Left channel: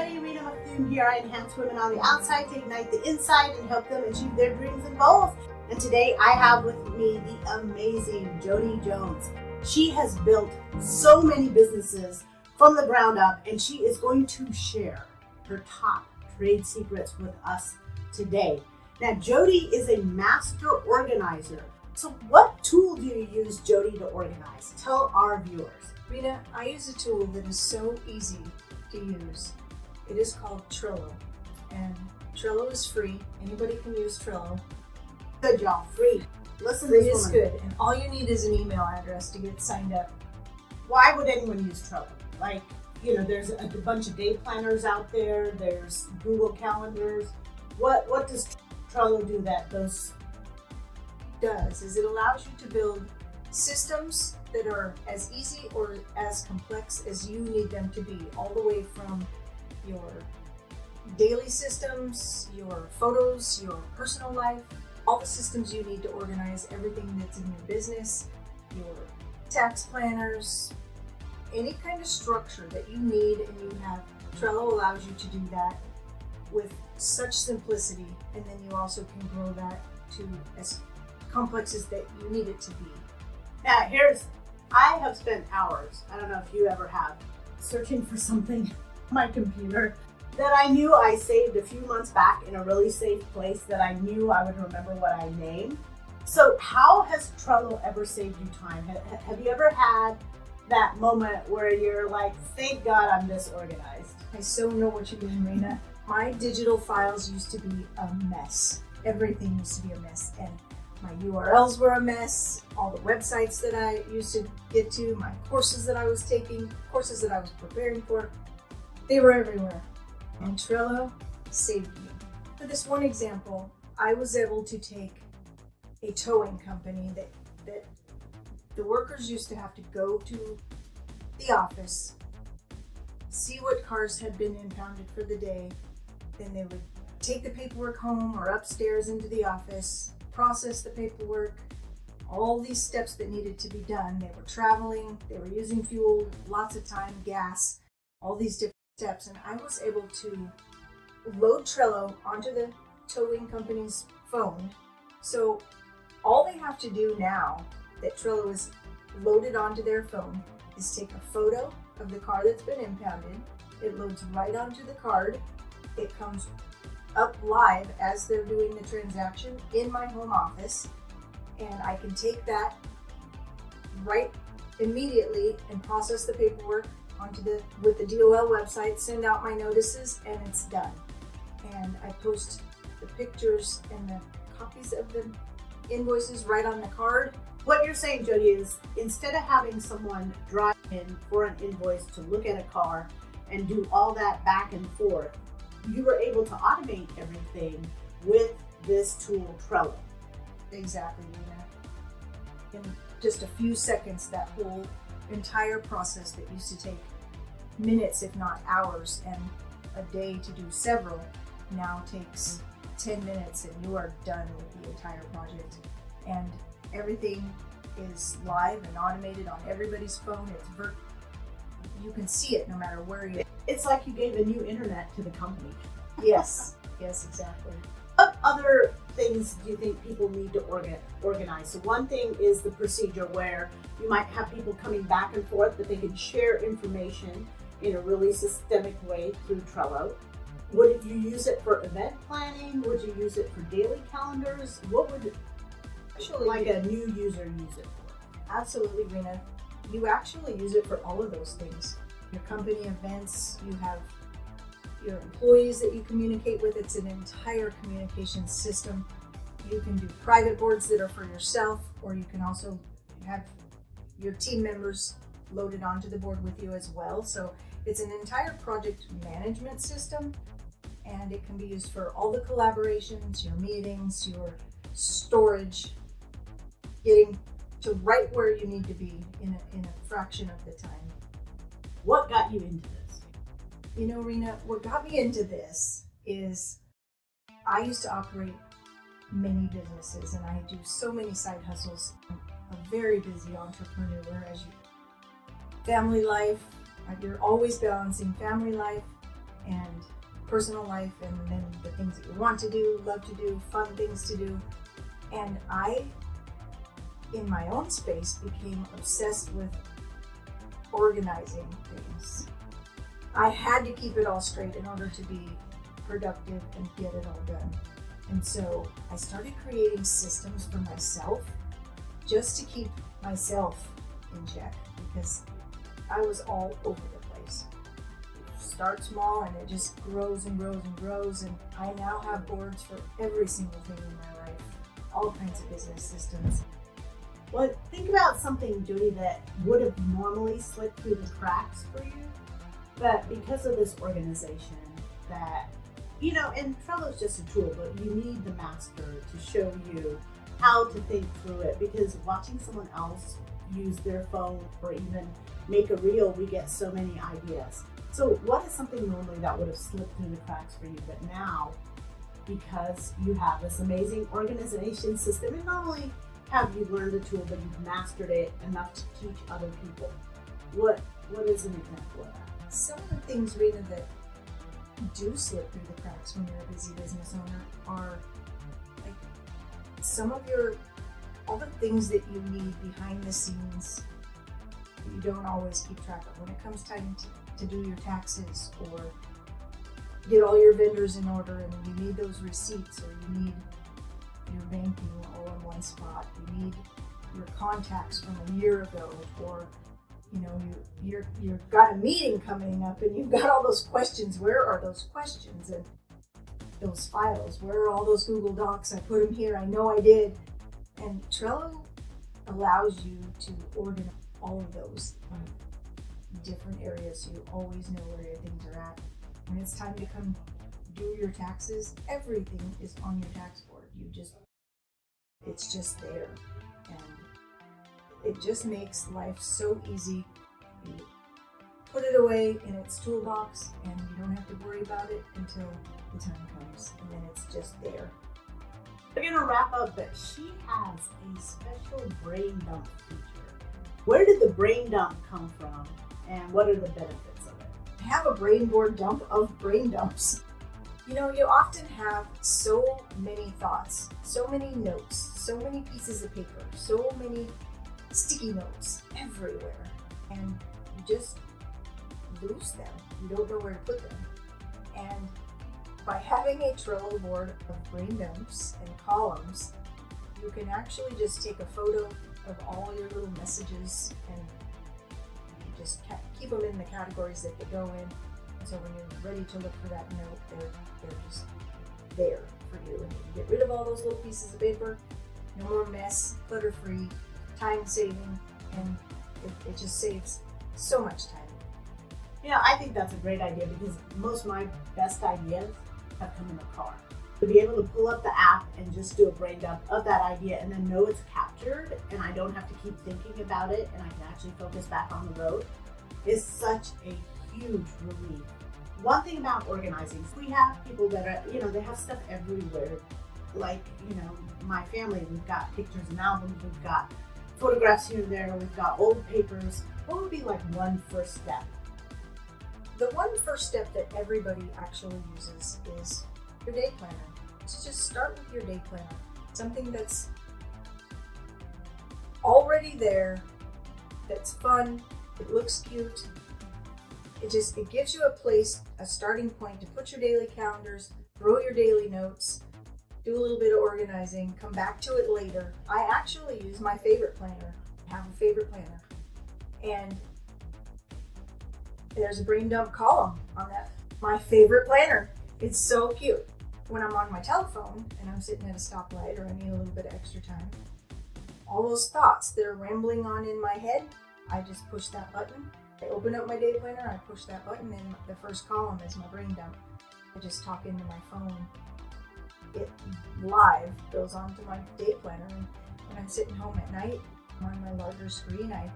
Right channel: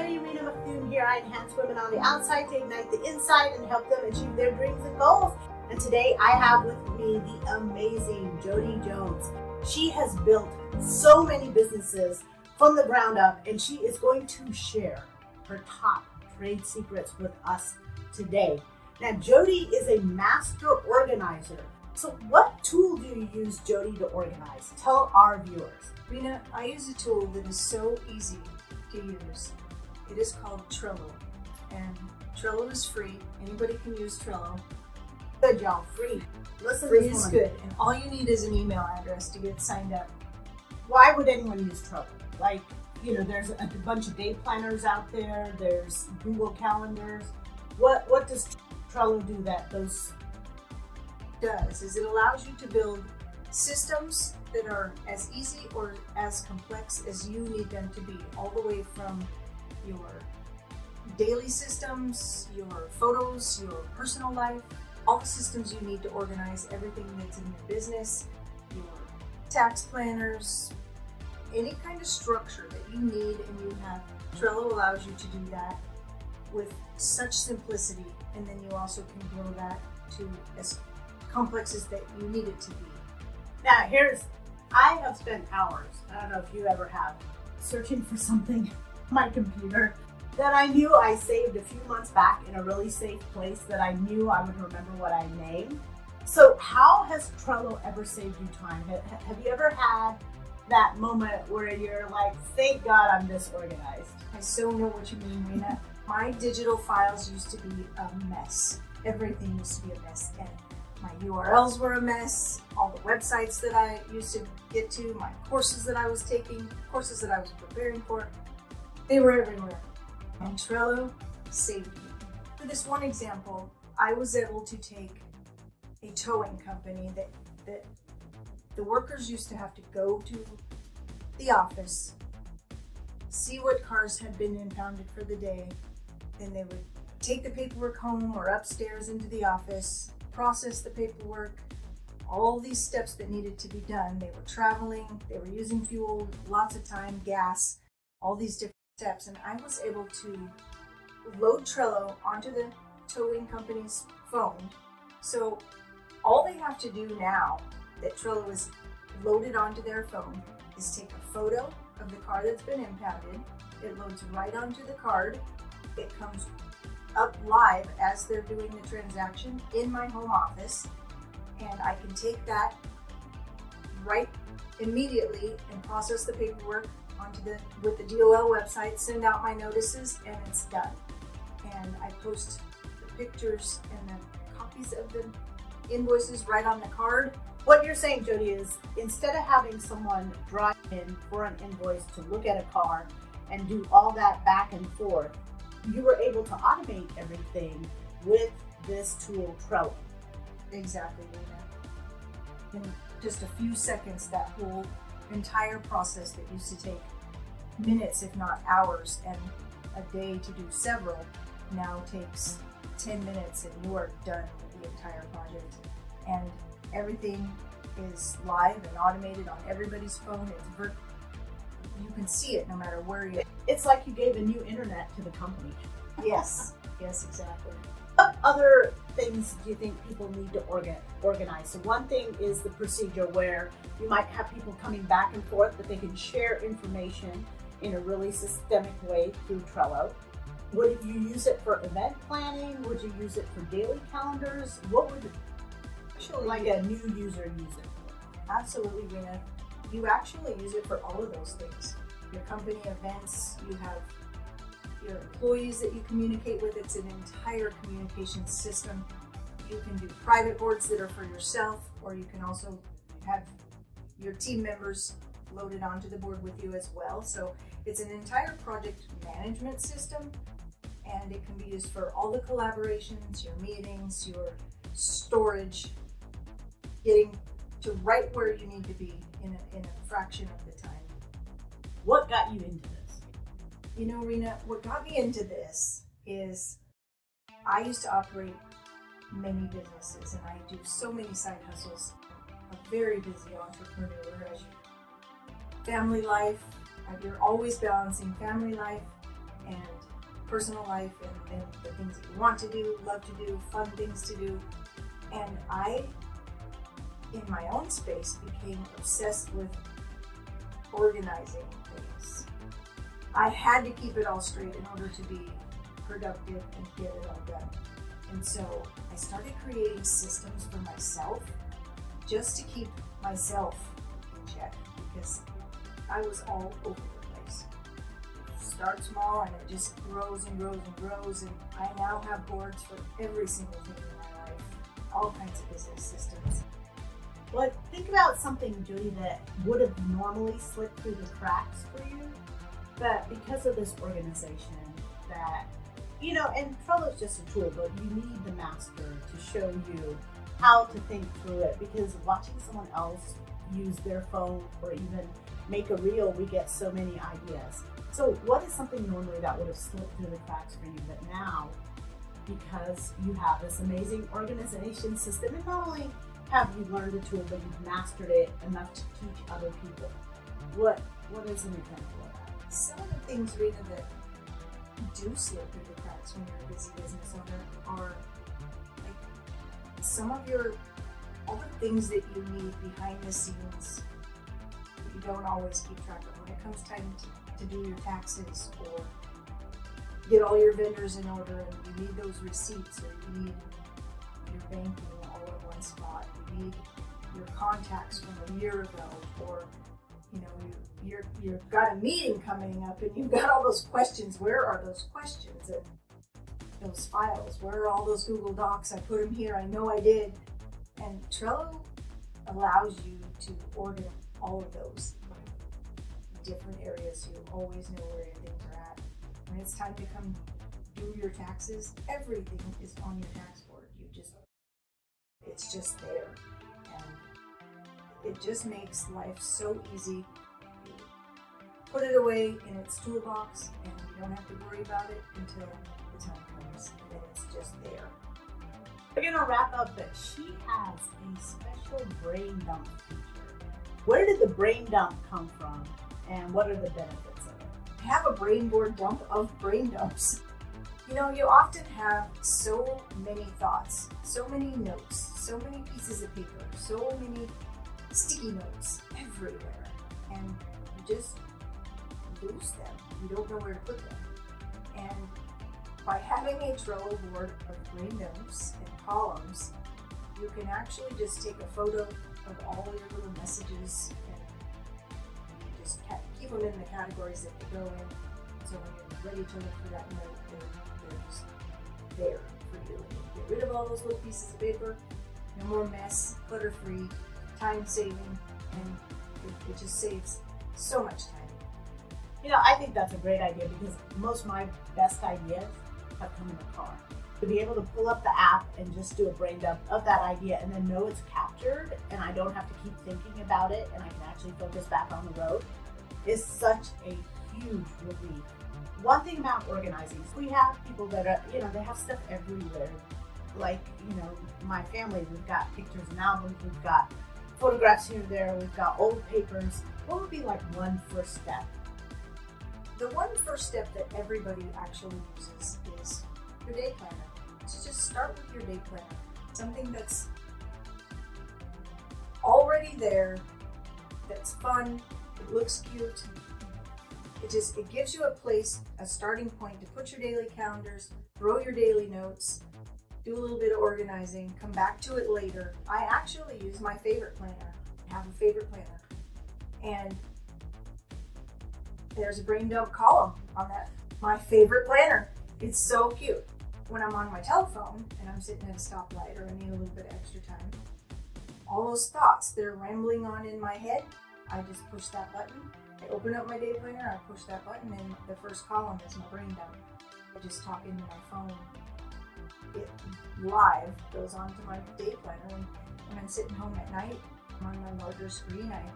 everybody, Rena McDoom here. I enhance women on the outside to ignite the inside and help them achieve their dreams and goals. And today I have with me the amazing Jody Jones. She has built so many businesses from the ground up, and she is going to share her top trade secrets with us today. Now, Jody is a master organizer. So what tool do you use, Jody, to organize? Tell our viewers. Rena, I use a tool that is so easy to use. It is called Trello, and Trello is free. Anybody can use Trello. Good, y'all, free. Listen, Free is good, and all you need is an email address to get signed up. Why would anyone use Trello? Like, you know, there's a bunch of day planners out there. There's Google calendars. What does Trello do that those does is it allows you to build systems that are as easy or as complex as you need them to be, all the way from your daily systems, your photos, your personal life, all the systems you need to organize everything that's in your business, your tax planners, any kind of structure that you need and you have. Trello allows you to do that with such simplicity, and then you also can grow that to as complex as that you need it to be. Now, I have spent hours, I don't know if you ever have, searching for something on my computer that I knew I saved a few months back in a really safe place that I knew I would remember what I named. So how has Trello ever saved you time? Have you ever had that moment where you're like, thank God I'm this organized? I so know what you mean, Rena. My digital files used to be a mess. Everything used to be a mess, and my URLs were a mess. All the websites that I used to get to, my courses that I was taking, courses that I was preparing for, they were everywhere. And Trello saved me. For this one example, I was able to take a towing company that the workers used to have to go to the office, see what cars had been impounded for the day, then they would take the paperwork home or upstairs into the office, process the paperwork, all these steps that needed to be done. They were traveling, they were using fuel, lots of time, gas, all these different steps. And I was able to load Trello onto the towing company's phone. So all they have to do now that Trello is loaded onto their phone is take a photo of the car that's been impounded. It loads right onto the card. It comes up live as they're doing the transaction in my home office, and I can take that right immediately and process the paperwork with the DOL website, send out my notices, and it's done. And I post the pictures and the copies of the invoices right on the card. What you're saying, Jody, is instead of having someone drive in for an invoice to look at a car and do all that back and forth, you were able to automate everything with this tool, Trello. Exactly, Rena. In just a few seconds, that whole entire process that used to take minutes, if not hours, and a day to do several, now takes 10 minutes and you are done with the entire project. And everything is live and automated on everybody's phone. You can see it no matter where you are. It's like you gave a new internet to the company. Yes, yes, exactly. What other things do you think people need to organize? So one thing is the procedure where you might have people coming back and forth, but they can share information in a really systemic way through Trello. Would you use it for event planning? Would you use it for daily calendars? What would a new user use it for? Absolutely, Rena. You actually use it for all of those things. Your company events, you have your employees that you communicate with. It's an entire communication system. You can do private boards that are for yourself, or you can also have your team members loaded onto the board with you as well. So it's an entire project management system, and it can be used for all the collaborations, your meetings, your storage, getting to right where you need to be in a fraction of the time. What got you into this? You know, Rena, what got me into this is I used to operate many businesses, and I do so many side hustles. I'm a very busy entrepreneur. As family life, you're always balancing family life and personal life, and then the things that you want to do, love to do, fun things to do. And I, in my own space, became obsessed with organizing things. I had to keep it all straight in order to be productive and get it all done. And so I started creating systems for myself just to keep myself in check, because I was all over the place. Start small and it just grows and grows and grows, and I now have boards for every single thing in my life, all kinds of business systems. Well, think about something, Judy, that would have normally slipped through the cracks for you, but because of this organization that, and Trello is just a tool, but you need the master to show you how to think through it, because watching someone else use their phone or even make a reel, we get so many ideas. So what is something normally that would have slipped through the cracks for you, but now, because you have this amazing organization system, and not only have you learned the tool, but you've mastered it enough to teach other people, what is an example of that? Some of the things, Rita, that do slip through the cracks when you're a busy business owner are like all the things that you need behind the scenes that you don't always keep track of. When it comes time to do your taxes or get all your vendors in order, and you need those receipts, or you need your banking all in one spot, you need your contacts from a year ago, or you've got a meeting coming up and you've got all those questions. Where are those questions? And those files, where are all those Google Docs? I put them here, I know I did. And Trello allows you to order all of those in different areas, so you always know where your things are at. When it's time to come do your taxes, everything is on your tax board. It's just there. And it just makes life so easy. You put it away in its toolbox, and you don't have to worry about it until the time comes, and then it's just there. We're gonna wrap up, but she has a special brain dump feature. Where did the brain dump come from, and what are the benefits of it? I have a brain board dump of brain dumps. You often have so many thoughts, so many notes, so many pieces of paper, so many sticky notes everywhere, and you just lose them. You don't know where to put them. And by having a Trello board of brain dumps and columns, you can actually just take a photo of all your little messages and you just keep them in the categories that they go in. So when you're ready to look for that note, they're just there for you. And you get rid of all those little pieces of paper. No more mess, clutter-free, time-saving, and it just saves so much time. I think that's a great idea, because most of my best ideas have come in the car. To be able to pull up the app and just do a brain dump of that idea and then know it's captured, and I don't have to keep thinking about it, and I can actually focus back on the road, is such a huge relief. One thing about organizing, we have people that are, they have stuff everywhere. Like, my family, we've got pictures and albums, we've got photographs here and there, we've got old papers. What would be like one first step? The one first step that everybody actually uses is your day planner. So just start with your day planner. Something that's already there, that's fun, it looks cute. It gives you a starting point to put your daily calendars, throw your daily notes, do a little bit of organizing, come back to it later. I actually use my favorite planner. I have a favorite planner. And there's a brain dump column on that, my favorite planner. It's so cute. When I'm on my telephone and I'm sitting at a stoplight or I need a little bit of extra time, all those thoughts that are rambling on in my head, I just push that button. I open up my day planner, I push that button, and the first column is my brain dump. I just talk into my phone. It live goes onto my day planner, and when I'm sitting home at night on my larger screen, I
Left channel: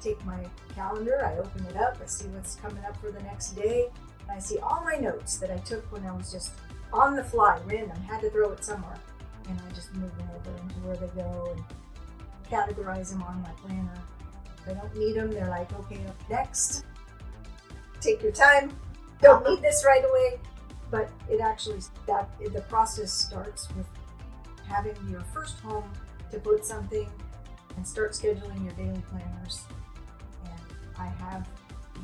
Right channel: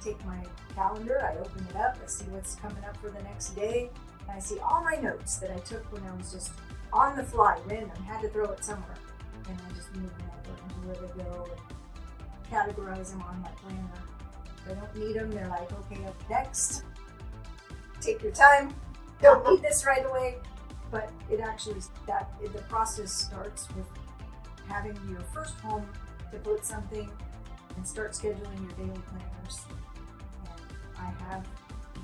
take my calendar, I open it up, I see what's coming up for the next day, and I see all my notes that I took when I was just on the fly, random, had to throw it somewhere, and I just move them over into where they go and categorize them on my planner. If I don't need them, they're like, okay, up next. Take your time. Don't need this right away. But it actually, the process starts with having your first home to put something and start scheduling your daily planners. And I have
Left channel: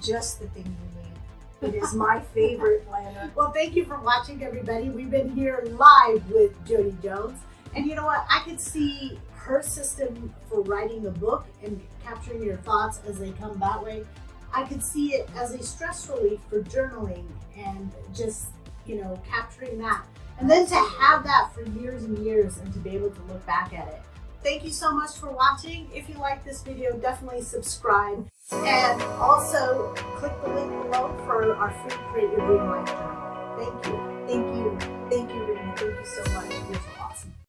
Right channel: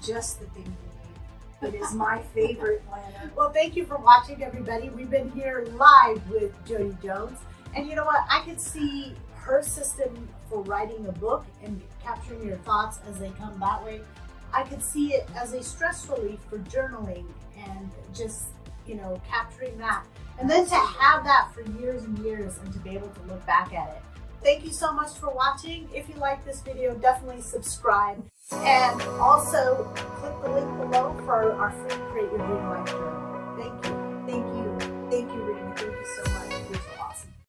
just the thing you need. It is my favorite planner. Well, thank you for watching, everybody. We've been here live with Jody Jones. And you know what? I could see her system for writing a book and capturing your thoughts as they come that way. I could see it as a stress relief for journaling and just, capturing that. And then to have that for years and years and to be able to look back at it. Thank you so much for watching. If you like this video, definitely subscribe. And also click the link below for our free Create Your Dream Life Journal. Thank you. Thank you. Thank you, Rena. Thank you so much.